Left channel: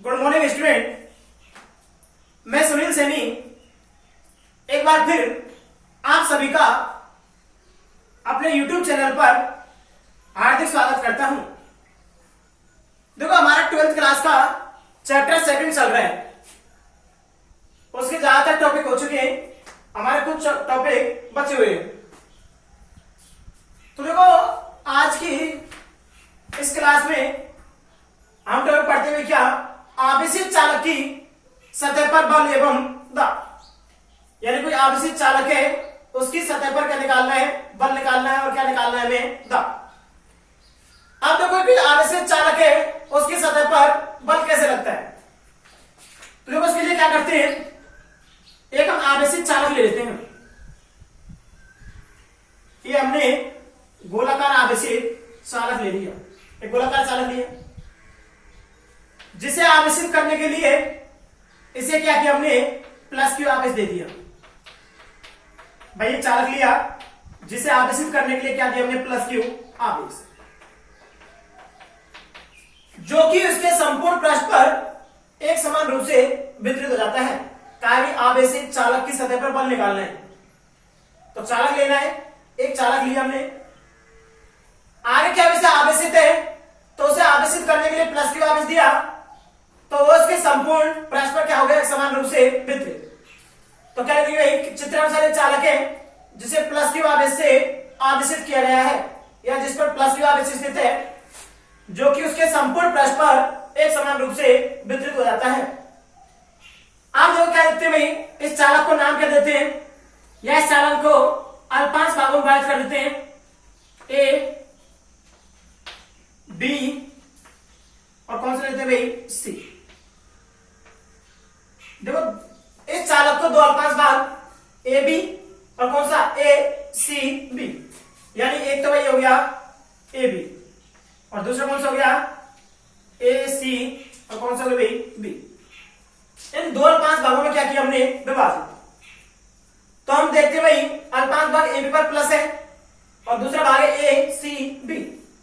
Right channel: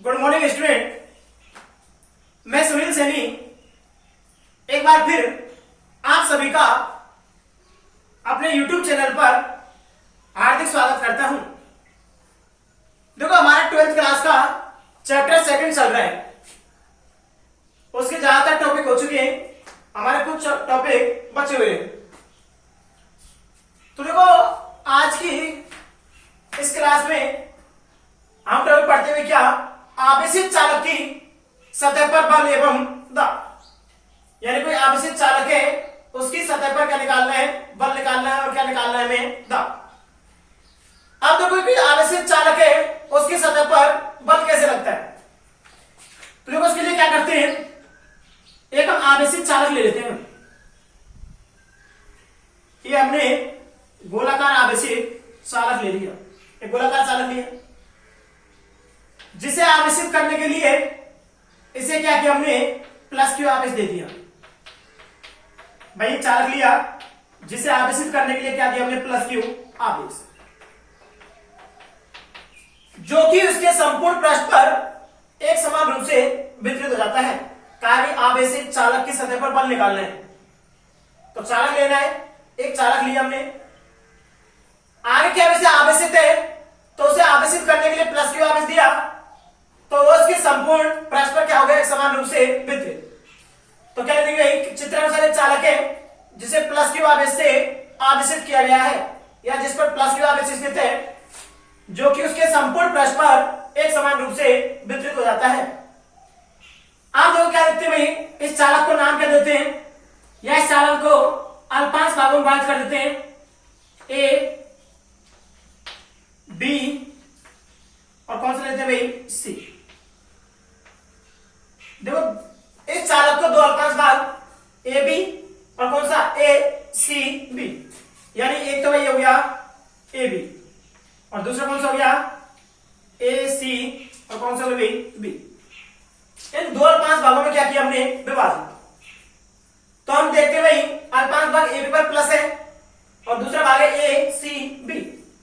Good morning student. मैं सुनील सैनी एक बार फिर आप सभी का अपने YouTube चैनल पर हार्दिक स्वागत करता हूं। देखो, हमारा 12th क्लास का चैप्टर 2 चल रहा है। उसके ज्यादातर टॉपिक हो चुके हैं, हमारे कुछ टॉपिक बचे हुए हैं। तो देखो, आज की इस क्लास में हम टॉपिक पढ़ते हुए क्या, आवेशित चालक की सतह पर बल एवं दाब। यानी कोई आवेशित चालक है, उसकी सतह पर क्या निकालना है, बल निकालना है, और क्या निकालना है हमें, दाब। अब देखो, कोई आवेशित चालक है, उसकी सतह पर बल कैसे लगता है। तो देखो, उसके लिए क्या करते हैं, एक हम आवेशित चालक ले लेते हैं। ये हमने गोलाकार आवेशित चालक ले लिया, एक गोलाकार चालक लिया, जिसे आवेशित करने के लिए इसे क्या किया हमने, प्लस क्यू आवेश दे दिया। भाई ये चालक लिया, जिसे आवेशित करने के लिए क्या दिया हमने, प्लस क्यू आवेश, जो कि उसके संपूर्ण पृष्ठ पर एक समान रूप से वितरित हो जाता है। कार्य आवेशित चालक की सतह पर बल निकालना है, तो चालक लेना है, एक चालक लिया हमने। आगे क्या विषय आवेशित है, तो उसे आवेशित करने के लिए प्लस क्यू आवेश दिया, तो वो उसके संपूर्ण पृष्ठ पर क्या हो गया, समान रूप से वितरित। तो क्या लिखेंगे, चित्रानुसार एक चालक है जिसे प्लस क्यू आवेश से आवेशित किया गया है, या जिस पर प्लस क्यू आवेश स्थित है, जो कि उसके संपूर्ण पृष्ठ पर एक समान रूप से वितरित हो जाता है। आप लोग क्या देते हैं भाई, इस चालक को नाम क्या देते हैं, या इस चालक को अल्पांश भागों में बांट कर देते हैं, ए, बी और कौन सा लेते हैं भाई, सी। देखो, इस चालक को दो अल्पांश भाग ए बी और कौन सा, ए सी बी। यानी एक तो भाई हो गया ए बी, और दूसरा कौन सा हो गया, ए सी, और कौन सा हो गया भाई, बी। इन दो अल्पांश भागों में क्या किया हमने, विभाजन। तो हम देखते हैं भाई, अल्पांश भाग ए बी पर प्लस है, और दूसरा भाग है ए सी बी,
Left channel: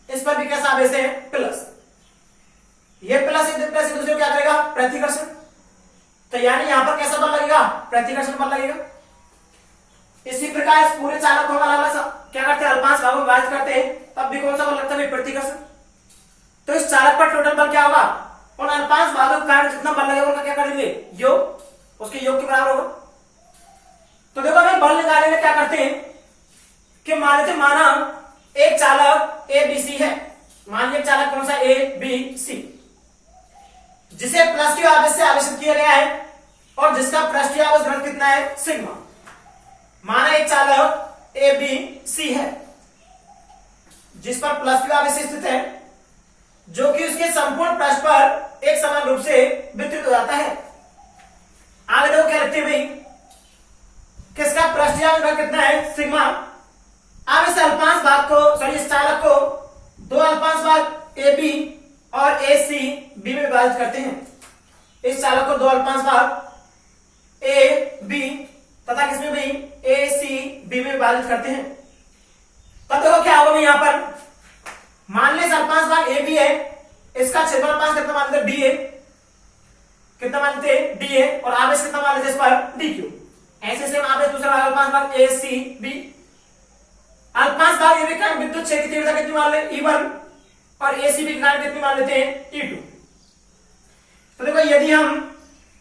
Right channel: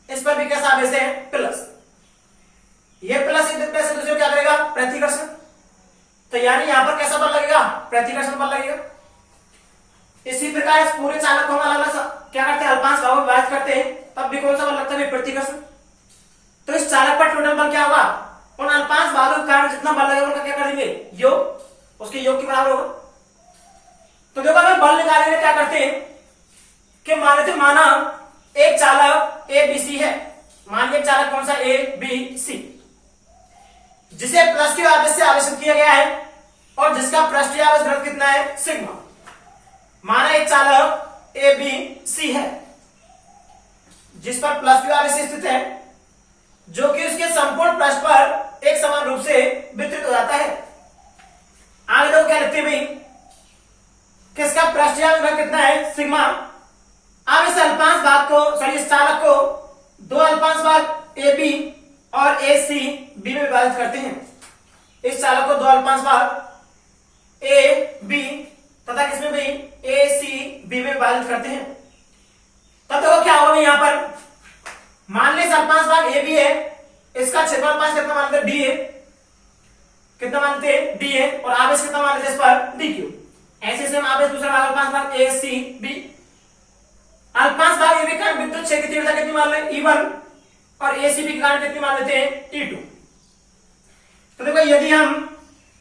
इस पर भी कैसा आवेश है, प्लस। ये प्लस दूसरे क्या करेगा, प्रतिकर्षण। तो यानी यहां पर कैसा बल लगेगा, प्रतिकर्षण बल लगेगा। इसी प्रकार इस पूरे चालक को हम अलग अलग क्या करते हैं, अल्पांश भागों में विभाजित करते हैं, तब भी कौन सा बल लगता है, प्रतिकर्षण। तो इस चालक पर टोटल बल क्या होगा, उन अल्पांश भागों के कारण जितना बल लगेगा उनका क्या करेंगे, योग, उसके योग के बराबर होगा। तो देखो, अगर बल निकालेंगे क्या करते हैं कि माना एक चालक ए बी सी है, मान लीजिए चालक कौन सा, ए बी सी, जिसे प्लस क्यू आवेश से आवेशित किया गया है, और जिसका पृष्ठीय आवेश घनत्व कितना है, सिग्मा। माना एक चालक ए बी सी है, जिस पर प्लस क्यू आवेश स्थित है, जो कि उसके संपूर्ण पृष्ठ पर एक समान रूप से वितरित हो जाता है। आगे लोग क्या लिखते हैं भाई, किसका पृष्ठीय आवेश घनत्व कितना है, सिग्मा। अब इस अल्पांश भाग को, सॉरी इस चालक को दो अल्पांश भाग ए बी और ए सी बी में विभाजित करते हैं। इस चालक को दो अल्पांश भाग ए बी तथा किसमें भी, ए सी बी में विभाजित करते हैं। तब देखो क्या होगा यहां पर, मान लीजिए अल्पांश भाग ए बी है, इसका क्षेत्रफल कितना मानते हैं, डी है, कितना मानते हैं, डी है, और आवेश कितना मान लेते हैं इस पर, डी क्यू। ऐसे सेम आवेश दूसरा भाग अल्पांश भाग ए सी बी। अल्पांश भाग ए बी का विद्युत क्षेत्र की तीव्रता कितनी मान ले, E1, और एसीबी के कारण कितनी मान लेते हैं, E2। तो देखो, यदि हम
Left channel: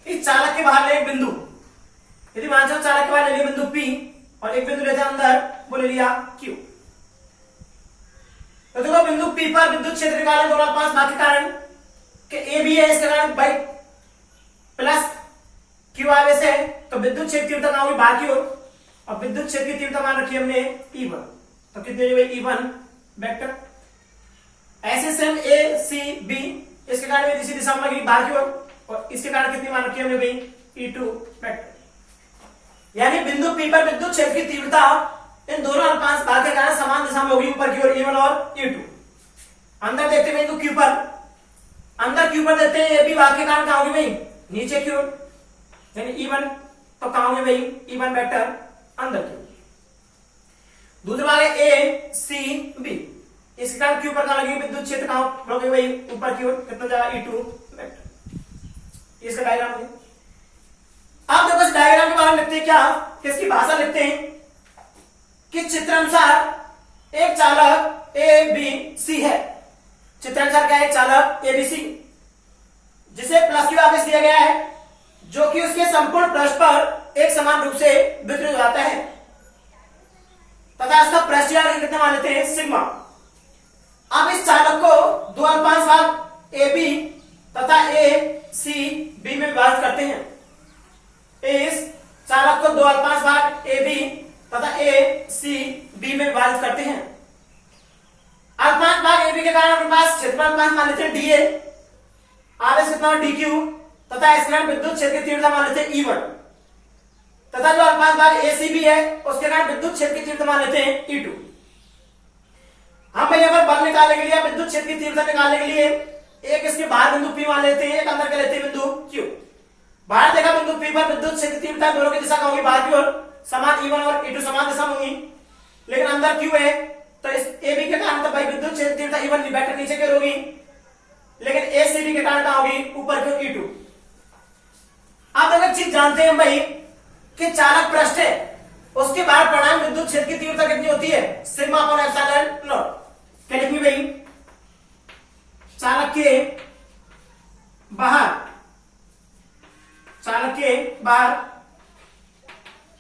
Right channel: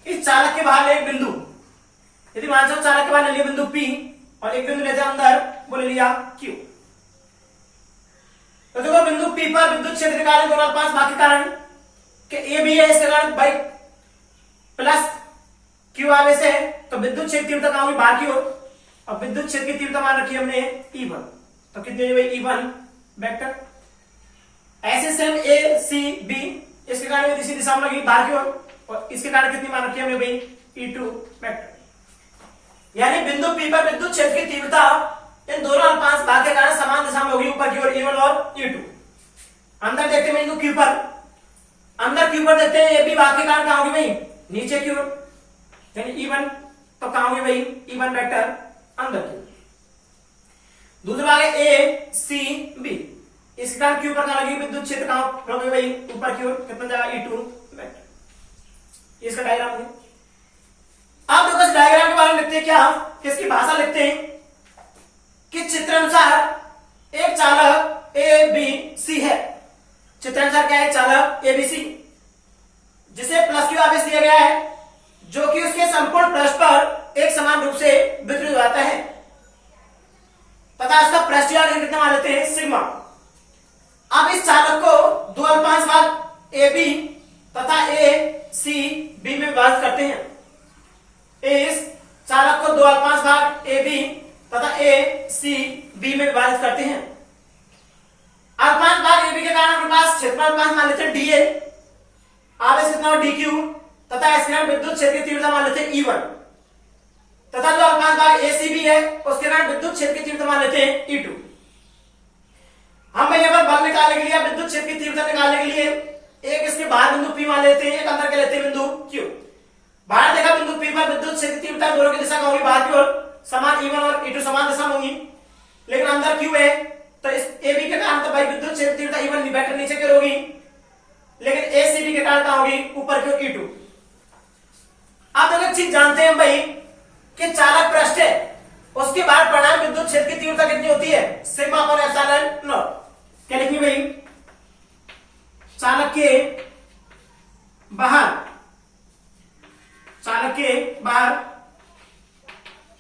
इस चालक के बाहर ले एक बिंदु, यदि मान लो चालक के बाहर ले लिया बिंदु P, और एक बिंदु लेते हैं अंदर, वो ले लिया Q। तो देखो, बिंदु P पर विद्युत क्षेत्र निकालें दोनों अल्पांश भाग के कारण, कि ए बी है, इसके कारण भाई प्लस क्यू आवेश है, तो विद्युत क्षेत्र तीव्रता कहां हुई, बाहर की ओर, और विद्युत क्षेत्र की तीव्रता मान रखी हमने E1, तो कितनी हुई E1 वेक्टर। ऐसे सेम ए सी बी, इसके कारण में इसी दिशा में लगी बाहर की ओर, और इसके कारण कितनी मान रखी हमने भाई, E2 वेक्टर। यानी बिंदु P पर विद्युत क्षेत्र की तीव्रता इन दोनों अल्पांश भाग के कारण समान दिशा में होगी, ऊपर की ओर E1 और E2। अंदर देखते हैं बिंदु Q पर, अंदर Q पर देखते हैं ए बी भाग के कारण कहां होगी भाई, नीचे की ओर, यानी E1, तो कहां होगी भाई, E1 वेक्टर अंदर की। दूसरा भाग है ए सी बी, इसके कारण क्यू पर कहां लगी विद्युत क्षेत्र, कहां होगी भाई, ऊपर की ओर, कितना जाएगा, E2 वेक्टर। इसका डायग्राम है। अब देखो इस डायग्राम के बारे में लिखते हैं क्या, किसकी भाषा लिखते हैं कि चित्रानुसार एक चालक ए बी सी है। चित्रानुसार क्या है, एक चालक ए बी सी जिसे प्लस क्यू आवेश दिया गया है, जो कि उसके संपूर्ण पृष्ठ पर एक समान रूप से वितरित हो जाता है तथा इसका पृष्ठीय आघूर्ण कितना मान लेते हैं, सिग्मा। अब इस चालक को दो अल्पांश भाग ए बी तथा ए सी बी में विभाजित करते हैं। इस चालक को दो अल्पांश भाग ए बी तथा ए सी बी में विभाजित करते हैं। अल्पांश भाग ए बी के कारण अपने पास क्षेत्रफल अल्पांश मान लेते हैं डी ए, आवेश कितना डी क्यू तथा इसके कारण विद्युत क्षेत्र की तीव्रता मान लेते हैं E1 तथा जो अल्पांश भाग ए सी बी है उसके कारण विद्युत क्षेत्र की तीव्रता मान लेते हैं E2। हम यहाँ पर बल निकालने के लिए, विद्युत क्षेत्र की तीव्रता निकालने के लिए एक इसके बाहर बिंदु P मान लेते हैं, एक अंदर के लेते हैं बिंदु Q। बाहर देखा बिंदु P पर विद्युत क्षेत्र की तीव्रता दोनों की दिशा होगी बाहर की ओर समान, E1 और E2 समान दिशा होंगी, लेकिन अंदर Q है तो इस AB के कारण तो भाई विद्युत क्षेत्र की तीव्रता E1 वेक्टर नीचे की ओर होगी, लेकिन ACB के कारण कहां होगी, ऊपर की ओर E2। आप एक चीज जानते हैं भाई कि चालक पृष्ठ है उसके बाहर परिणाम विद्युत क्षेत्र की तीव्रता कितनी होती है, सिग्मा अपॉन एप्सिलॉन नॉट। क्या लिखी भाई, चालक के बाहर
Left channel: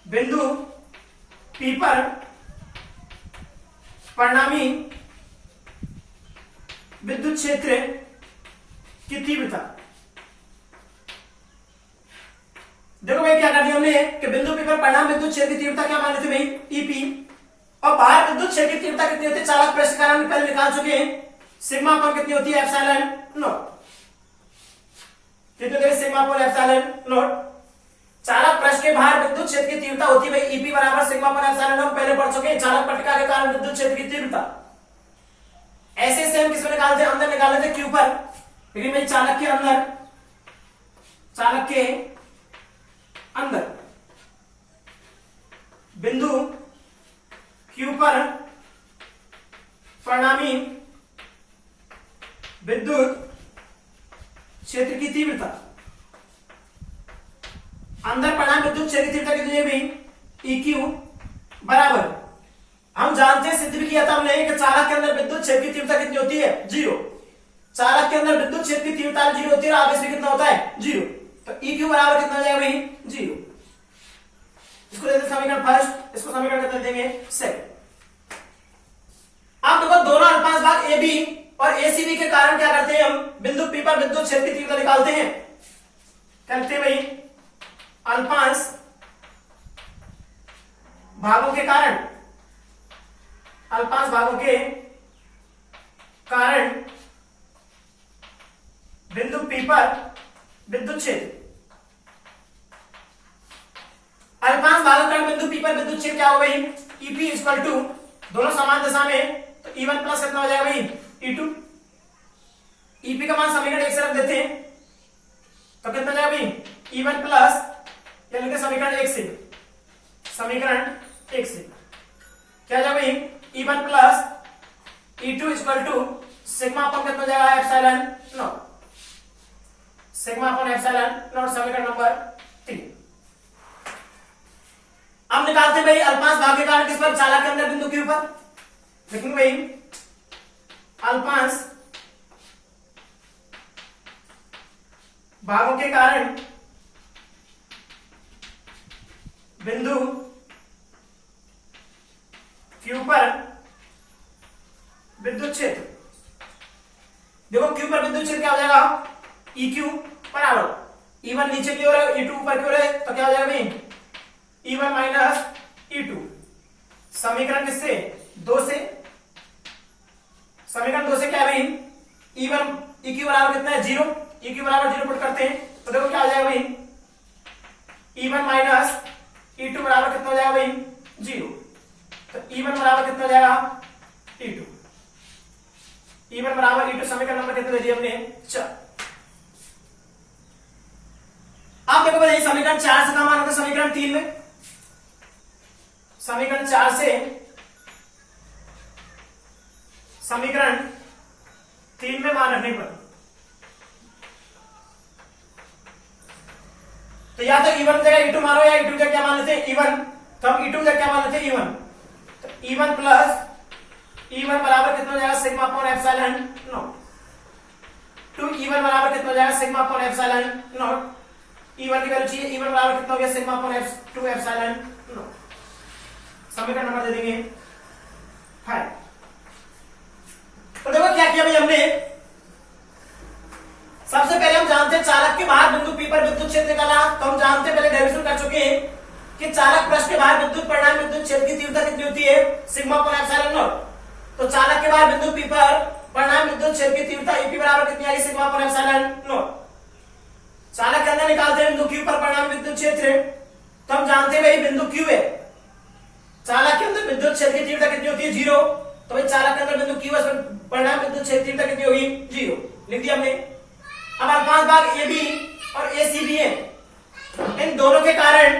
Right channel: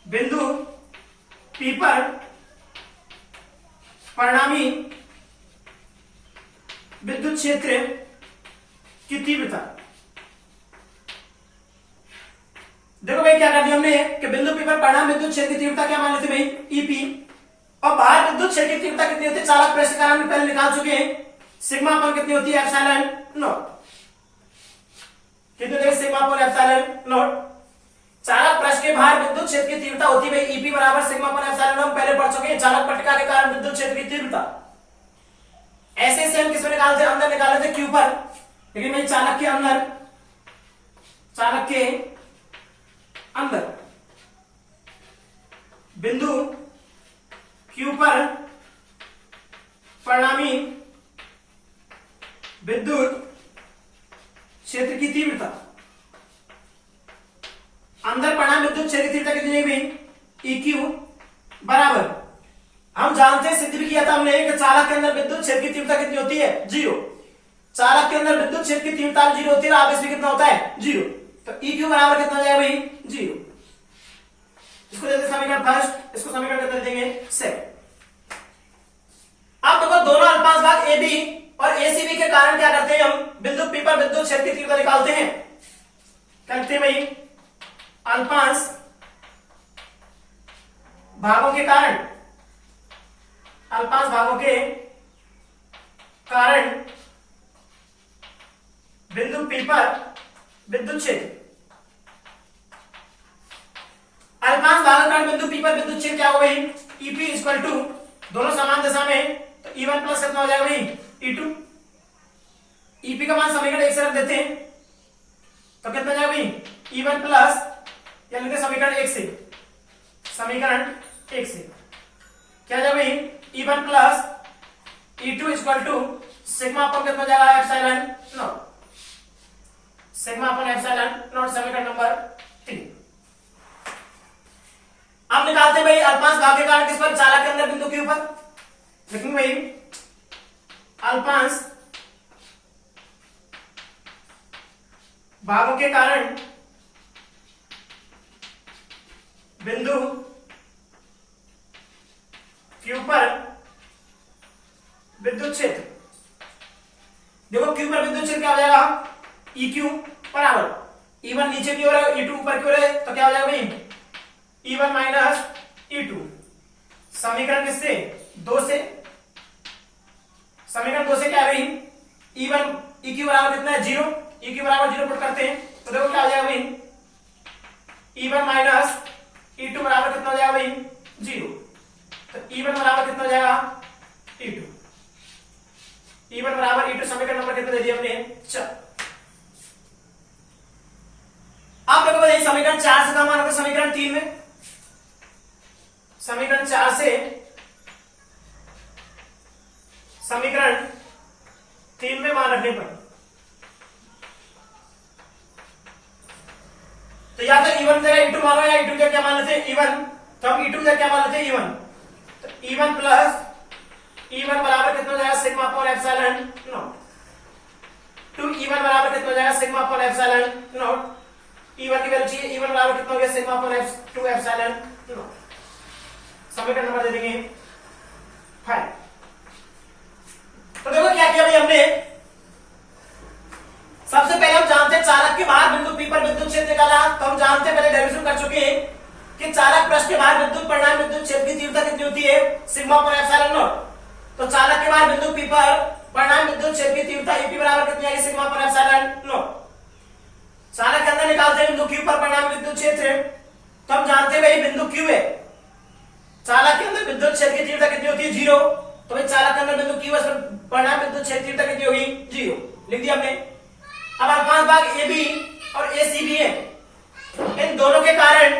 बिंदु P पर परिणामी विद्युत क्षेत्र की तीव्रता। देखो भाई क्या कर दिया हमने कि बिंदु P पर परिणाम विद्युत क्षेत्र की तीव्रता क्या मान लेते भाई, EP, और बाहर विद्युत क्षेत्र की तीव्रता कितनी होती है, चालक पृष्ठ के कारण पहले निकाल चुके हैं, सिग्मा अपॉन कितनी होती है, एप्सिलॉन नॉट। कितनी होती है, सिग्मा अपॉन एप्सिलॉन नॉट। चालक पृष्ठ के बाहर विद्युत क्षेत्र की तीव्रता होती है भाई EP बराबर सिग्मा अपॉन एप्सिलॉन नॉट, पहले पढ़ चुके हैं, चालक पट्टिका के कारण विद्युत क्षेत्र की तीव्रता। ऐसे से हम किसमें निकालते हैं, अंदर निकाल लेते Q पर, लेकिन भाई चालक के अंदर बिंदु Q पर परिणामी विद्युत क्षेत्र की तीव्रता, अंदर परिणाम विद्युत क्षेत्र की तीव्रता कितनी है भाई, EQ बराबर, हम जानते हैं, सिद्ध भी किया था हमने कि चालक के अंदर विद्युत क्षेत्र की तीव्रता कितनी होती है, 0। चालक के अंदर विद्युत क्षेत्र की तीव्रता 0 होती है, आवेश भी कितना होता है, 0। तो EQ बराबर कितना हो जाएगा भाई, 0। इसको देते समीकरण फर्स्ट, इसको समीकरण कितना देंगे, सेकंड। अब देखो दोनों अल्पांश भाग AB और ACB के कारण क्या करते हैं, हम बिंदु P पर विद्युत क्षेत्र की तीव्रता निकालते हैं। क्या लिखते हैं भाई, अल्पांश भागों के कारण बिंदु P पर विद्युत क्षेत्र, अल्पांश भागों के कारण बिंदु P पर विद्युत क्षेत्र क्या होगा भाई, EP इक्वल टू, दोनों समान दिशा में, तो E1 प्लस कितना हो जाएगा भाई, E2। EP का मान समीकरण 1 से रख देते हैं तो कितना जाएगा भाई, E1 प्लस, या लिखते समीकरण 1 से, क्या जाएगा भाई, E1 plus E2 equal to sigma upon कितना हो जाएगा, epsilon naught, sigma upon epsilon naught, समीकरण नंबर 3। अब निकालते भाई अल्पांश भाग के कारण किस पर, चालक के अंदर बिंदु Q पर, लिखेंगे भाई अल्पांश भागों के कारण बिंदु Q पर विद्युत क्षेत्र। देखो Q पर विद्युत क्षेत्र क्या हो जाएगा, EQ बराबर, E1 नीचे की ओर है, E2 ऊपर की ओर है, तो क्या हो जाएगा भाई, E1 माइनस E2। समीकरण किससे, 2 से, समीकरण 2 से क्या है भाई, E1 EQ बराबर कितना है, 0, EQ बराबर 0 पुट करते हैं तो देखो क्या हो जाएगा भाई, E1 माइनस E2 बराबर कितना हो जाएगा भाई, 0। तो E1 बराबर कितना हो जाएगा, E2, E1 बराबर E2, समीकरण नंबर कितने दे दिए हमने, 4। अब देखो भाई समीकरण 4 से कम आना था समीकरण 3 में, समीकरण 4 से समीकरण 3 में मान रखने पर तो या तो E1 जगह E2 मानो या E2 जगह क्या मान लेते हैं E1, तो हम E2 जगह क्या मान लेते हैं E1, तो E1 प्लस E1 बराबर कितना हो जाएगा sigma upon epsilon not, 2E1 बराबर कितना हो जाएगा sigma upon epsilon not, E1 की वैल्यू चाहिए, E1 बराबर कितना हो गया सिग्मा अपॉन 2 एप्सिलॉन नॉट। समीकरण नंबर दे देंगे 5। तो देखो क्या किया भाई हमने, सबसे पहले हम जानते हैं चालक के बाहर बिंदु P पर विद्युत क्षेत्र निकाला, तो हम जानते हैं पहले डेरिवेशन कर चुके हैं कि चालक पृष्ठ के बाहर विद्युत परिणाम विद्युत क्षेत्र की तीव्रता कितनी होती है सिग्मा अपॉन एप्सिलॉन नॉट। तो चालक के बाहर बिंदु P पर परिणाम विद्युत क्षेत्र की तीव्रता EP बराबर कितनी आएगी सिग्मा अपॉन एप्सिलॉन नॉट। चालक के अंदर निकालते हैं बिंदु Q पर परिणाम विद्युत क्षेत्र, तो हम जानते हैं भाई बिंदु Q है, चालक के अंदर विद्युत क्षेत्र की तीव्रता कितनी होती है 0, तो भाई चालक के अंदर बिंदु Q पर परिणाम विद्युत क्षेत्र की तीव्रता कितनी होगी 0, लिख दिया हमने। अब अल्पांश भाग AB और ACB है, इन दोनों के कारण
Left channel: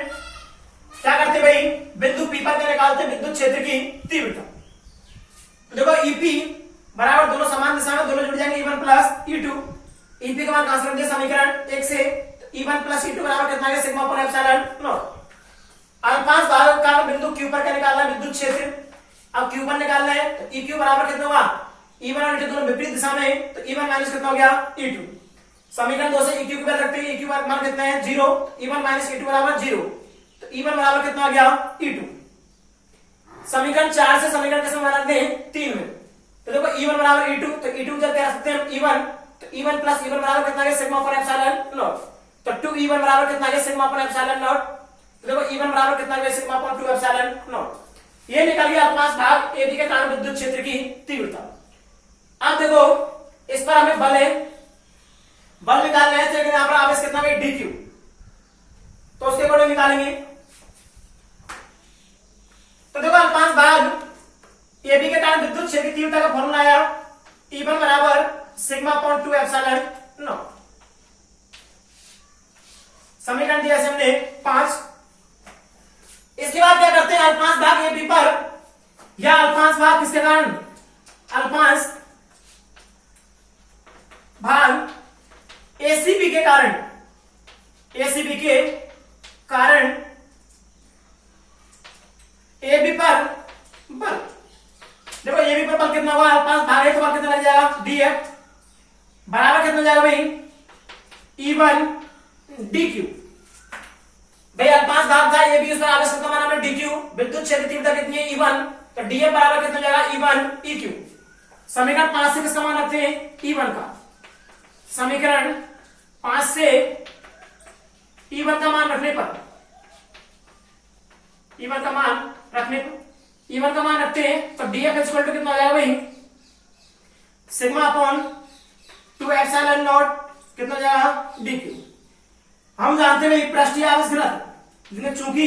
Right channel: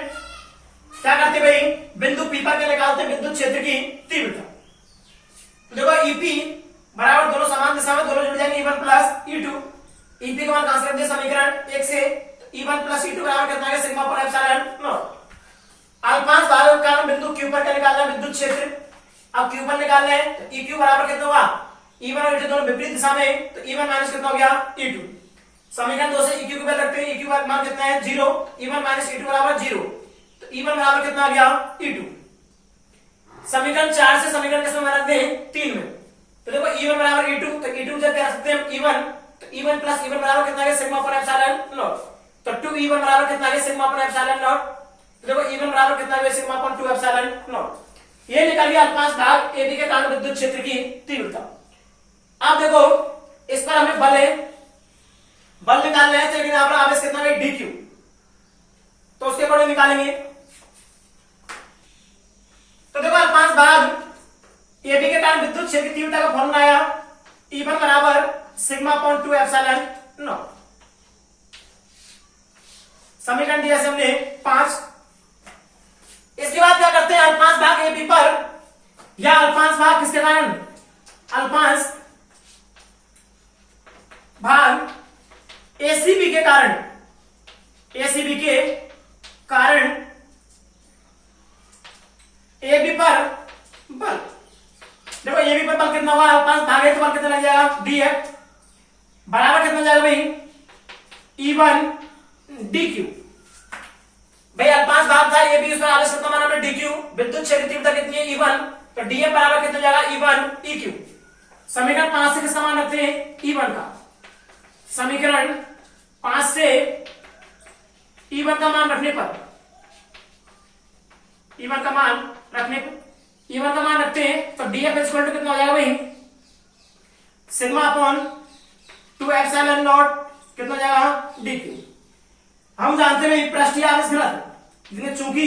क्या करते भाई बिंदु P पर का निकालते विद्युत क्षेत्र की तीव्रता। तो देखो EP बराबर दोनों समान दिशा में दोनों जुड़ जाएंगे E1 प्लस E2, EP का मान कहां से रख दिया समीकरण 1 से, तो E1 प्लस E2 बराबर कितना है सिग्मा अपॉन एप्सिलॉन नॉट। अल्पांश भाग का बिंदु Q पर का निकालना है विद्युत क्षेत्र, अब Q पर निकालना है तो EQ बराबर कितना होगा E1 और E2 दोनों विपरीत दिशा में, तो E1 माइनस कितना हो गया E2। समीकरण 2 से EQ की वैल्यू रखते हैं, EQ का मान कितना है 0, E1 माइनस E2 बराबर 0, तो E1 बराबर कितना आ गया E2। समीकरण 4 से समीकरण किसमें बना रखते हैं 3 में, तो देखो E1 बराबर E2, तो E2 जब क्या सकते हैं E1, तो E1 प्लस E1 बराबर कितना है सिग्मा अपॉन एप्सिलॉन नॉट, तो 2E1 बराबर कितना है सिग्मा अपॉन एप्सिलॉन नॉट, तो देखो E1 बराबर कितना है सिग्मा अपॉन 2 एप्सिलॉन नॉट। ये निकल गया अल्पांश भाग AB के कारण विद्युत क्षेत्र की तीव्रता। अब देखो इस पर हमें बल निकालना है, लेकिन यहां पर आवेश कितना है DQ, तो उसके ऊपर निकालेंगे। तो देखो अल्पांश भाग AB के कारण विद्युत क्षेत्र की तीव्रता का फॉर्मूला आया E1 बराबर सिग्मा अपॉन 2 एप्सिलॉन नॉट। समीकरण दिया से हमने 5। इसके बाद क्या करते हैं अल्पांश भाग AB पर, या अल्पांश भाग किसके कारण, अल्पांश भाग ACB के कारण, ACB के कारण AB पर बल, देखो AB पर बल कितना हुआ अल्पांश भाग है तो बल कितना लग जाएगा DF बराबर कितना जाएगा भाई E1 DQ। भाई अल्पांश भाग था AB, उस पर आवेश कितना माना हमने DQ, विद्युत क्षेत्र तीव्रता कितनी है E1, तो DF बराबर कितना जाएगा E1 EQ। समीकरण 5 से किसका मान रखते हैं E1 का, समीकरण 5 से E1 का मान रखने पर, E1 का मान रखने पर, E1 का मान रखते हैं तो DF इक्वल टू कितना हो जाएगा भाई सिग्मा अपॉन 2 एप्सिलॉन नॉट कितना हो जाएगा DQ। हम जानते हैं पृष्ठीय आवेश घनत्व, लेकिन चूंकि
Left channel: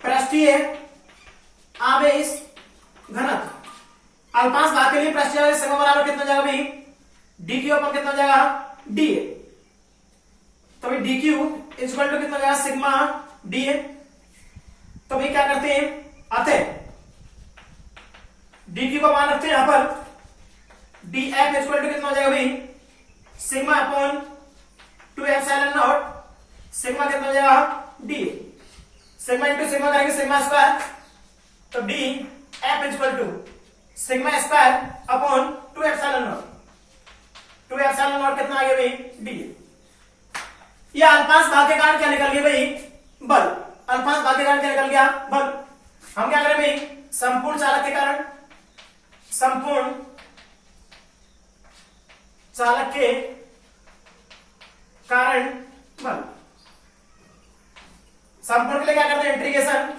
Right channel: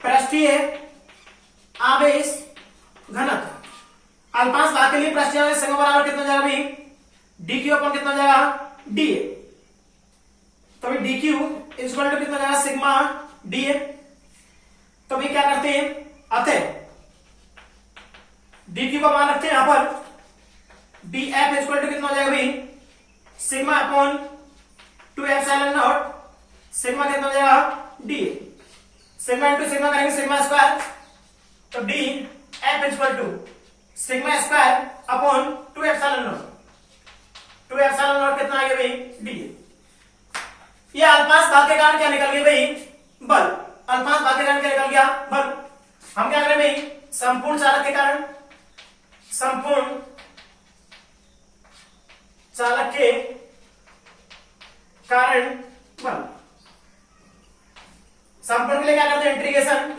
पृष्ठीय आवेश घनत्व अल्पांश भाग के लिए पृष्ठीय आवेश सिग्मा बराबर कितना जाएगा भाई DQ अपॉन कितना जाएगा DA, तो भाई DQ इक्वल टू कितना जाएगा सिग्मा DA। तो भाई क्या करते हैं अतः DQ का मान रखते हैं यहां पर DF इक्वल टू कितना हो जाएगा भाई sigma upon 2 epsilon naught, sigma कितना हो जाएगा DA, सिग्मा इंटू सिग्मा करेंगे सिग्मा स्क्वायर, तो DF equal to sigma square upon 2 epsilon naught, 2 epsilon naught कितना आ गया भाई DA। ये अल्पांश भाग के कारण क्या निकल गया भाई बल, अल्पांश भाग के कारण क्या निकल गया बल। हम क्या करें भाई संपूर्ण चालक के कारण, संपूर्ण चालक के कारण बल, संपूर्ण के लिए क्या करते हैं integration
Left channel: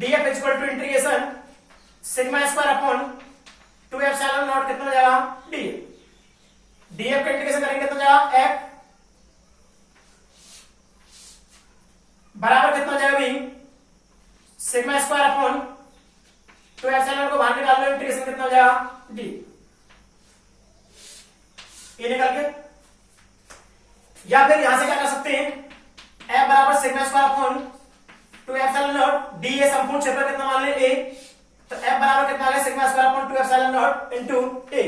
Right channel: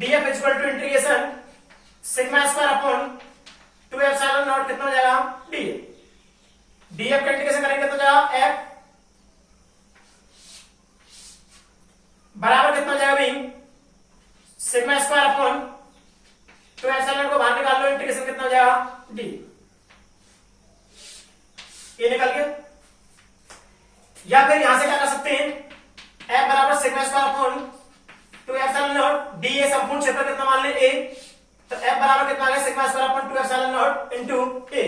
DF equal to integration sigma square upon 2 epsilon naught कितना हो जाएगा DA। DF का इंटीग्रेशन करेंगे तो जाएगा F बराबर कितना हो जाएगा भाई सिग्मा स्क्वायर अपॉन 2 एप्सिलॉन को बाहर निकाल लो, इंटीग्रेशन कितना हो जाएगा D। ये निकल गया। या फिर यहां से क्या कर सकते हैं F बराबर sigma square upon 2 epsilon not, DA संपूर्ण क्षेत्र कितना मान ले A, तो F बराबर कितना आ गया sigma square upon 2 epsilon not into A।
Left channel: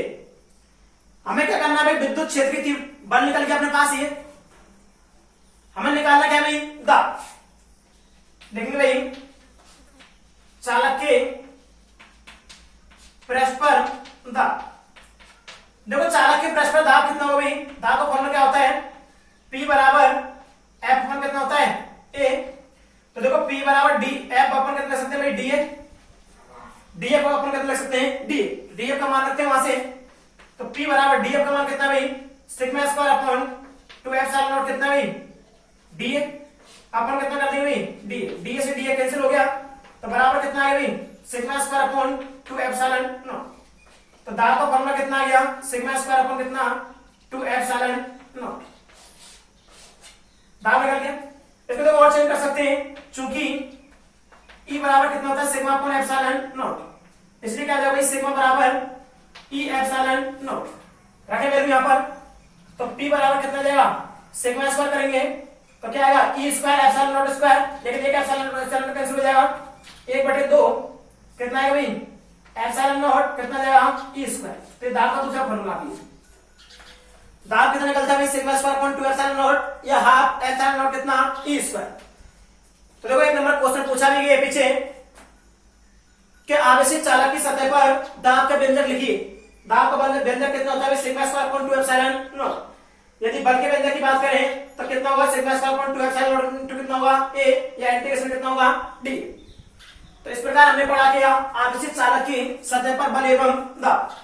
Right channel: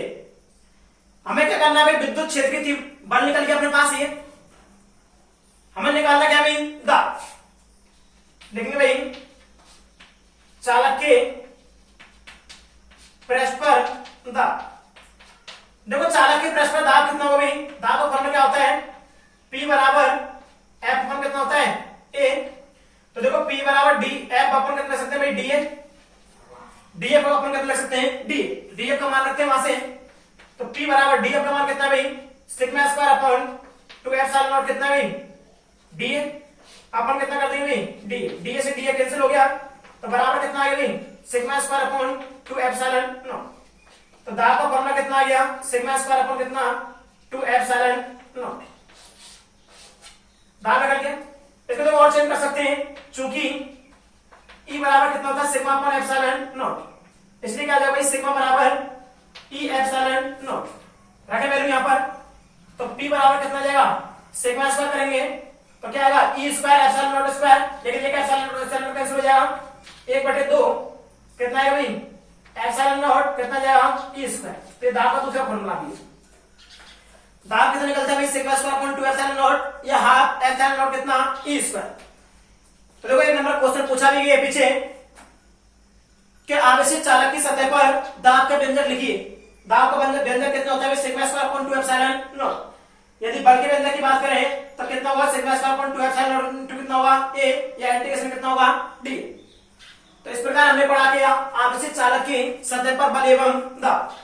हमें क्या करना है भाई विद्युत क्षेत्र की बल निकल गया अपने पास, ये हमें निकालना क्या भाई, दाब। देखेंगे भाई चालक के पृष्ठ पर दाब। देखो चालक के पृष्ठ पर दाब कितना होगा भाई, दाब का फॉर्मूला क्या होता है, P बराबर F अपन कितना होता है, A। तो देखो P बराबर D, F अपन कितना लिख सकते हैं भाई, DA। DF को अपन कितना लिख सकते हैं, DA। DF का मान रखते हैं वहां से, तो P बराबर DF का मान कितना भाई, sigma square upon 2 epsilon naught कितना भाई, DA। अपन कितना कर देंगे भाई, DA। DA से DA कैंसिल हो गया, तो बराबर कितना आ गया भाई, sigma square upon 2 epsilon not. तो दाब का फॉर्मूला कितना आ गया, सिग्मा स्क्वायर अपॉन कितना, 2 एप्सिलॉन नॉट। दाब निकल गया। इसको तो और चेंज कर सकते हैं, चूंकि E बराबर कितना होता है, सिग्मा अपॉन एप्सिलॉन नॉट, इसलिए क्या आ जाएगा भाई, सिग्मा बराबर E एप्सिलॉन नॉट। रखे वैल्यू यहां पर, तो P बराबर कितना जाएगा, सिग्मा स्क्वायर करेंगे तो क्या आएगा, E square epsilon not square, लेकिन एक एप्सिलॉन कैंसिल हो जाएगा, 1/2 कितना आएगा भाई, एप्सिलॉन नॉट कितना जाएगा, E स्क्वायर। तो दाब का दूसरा फॉर्मूला भी है। दाब कितना निकलता है भाई, sigma square upon 2 epsilon not या हाफ एप्सिलॉन नॉट कितना, E स्क्वायर। तो देखो एक नंबर क्वेश्चन पूछा भी गया पीछे कि आवेशित चालक की सतह पर दाब का व्यंजक लिखिए। दाब का व्यंजक कितना होता है, sigma square upon 2 epsilon not. यदि बल के व्यंजक की बात करें तो कितना होगा, sigma square upon 2 epsilon not into कितना होगा, A, या इंटीग्रेशन कितना होगा, D। तो इस प्रकार हमने पढ़ा कि आवेशित चालक की सतह पर बल एवं दाब।